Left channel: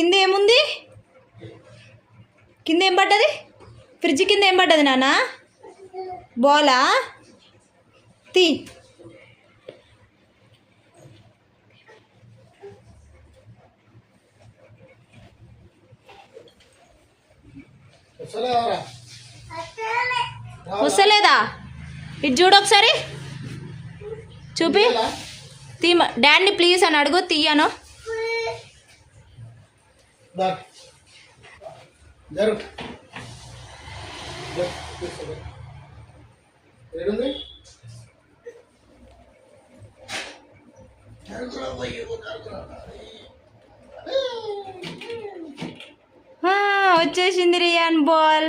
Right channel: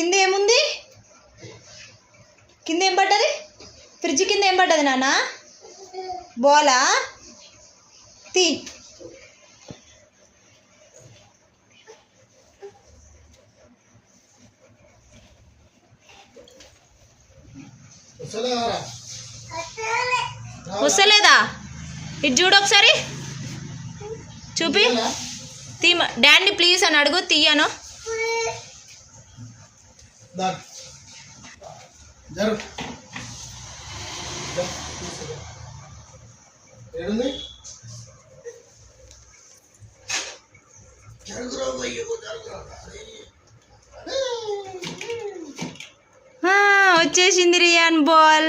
కింద ఏముంది? కింద ఏం పడ్డది? ఫ్రిడ్జ్ కింద ఏం పడ్డది నాన్న? బాలా? తీ. వస్తలేదా? ఇటు చూడు ఒకసారి, చూపి. తీ. డాడీని ప్లీజ్ అని అడుగు, తీయను. వచ్చేసింది రియాన్ బాల్.